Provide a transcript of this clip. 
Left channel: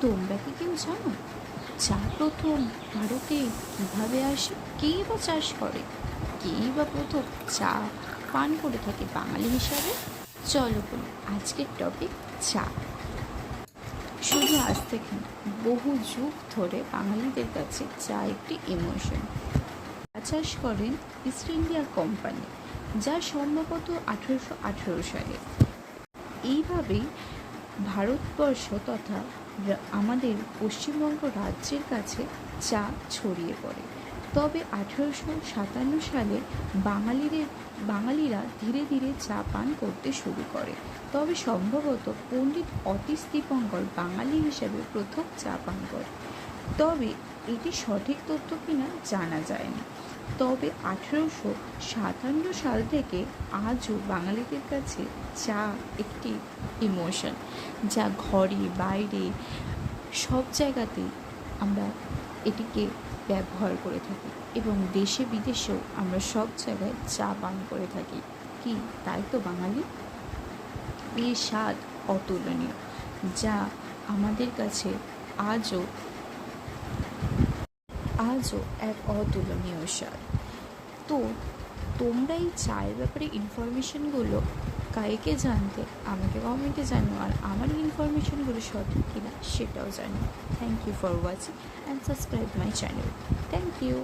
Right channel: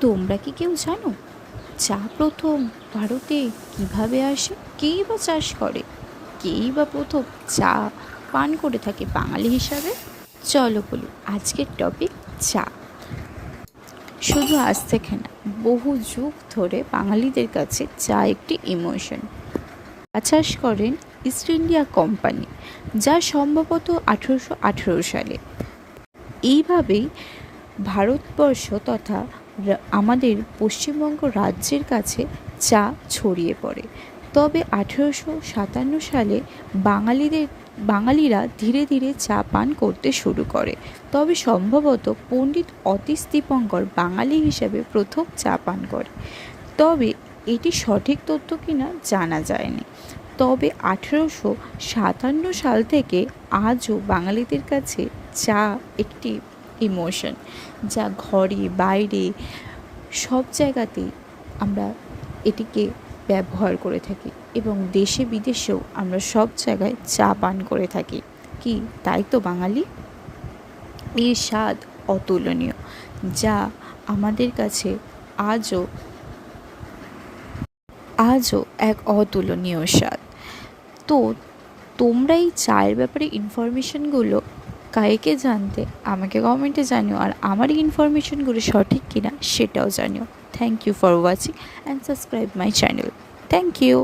তোমরা কি কেউ জানো চা প্রথম ভারতে কীভাবে আসে? কেই বা চাষ করে? কেই বা প্রথম চা পান করে থাকে বাঙালি হিসাবে? চলো বলি, আজকের টপিক চা। শুধু আজ থেকে না, বহু যুগ ধরে বাঙালিদের কাছে চা একটি ইমোশন চাষ করেন ইস্ট ইন্ডিয়া কোম্পানি যা সম্ভবত আঠেরোশো আঠেরো সালে। এইভাবেই ভারতবর্ষ তথা আমাদের পশ্চিমবঙ্গ রাজ্যের কাছে চা ছড়িয়ে পড়ে। তবে আঠেরোশো সাতান্ন সালে বাঙালিদের, বাঙালিরা ধীরে ধীরে চা পান করতে শুরু করে। তবে সম্ভবত পণ্ডিত অতীশ দীপঙ্কর বাঙালি হিসেবে প্রথম চা পান করে। তবে এটি সঠিক তথ্য কিনা জানা যায়নি। তবে আঠেরোশো সাতান্ন সাল থেকে আজও বাঙালিদের কাছে চা একটি ইমোশন যা ঘরে, বাইরে, সব জায়গাতেই আমরা এটিকে ব্যবহার করে থাকি এবং দেশে, বিদেশেও আমরা সব জায়গায় চা পান করে থাকি। কি? তাই তো বাঙালি? এর স্বাদ অতুলনীয়, যা আমাদের কাছে আজও আজও এক অতুলনীয় স্বাদ। তো তোমরা এই চায়ের ব্যাপারে ইনফরমেশনগুলো কাকে জানতে আমাকে কমেন্টে জানিও আর আমার ইনফরমেশনগুলো সঠিক কিনা সেটাও জানিও। Thank you for watching and subscribe my channel thank you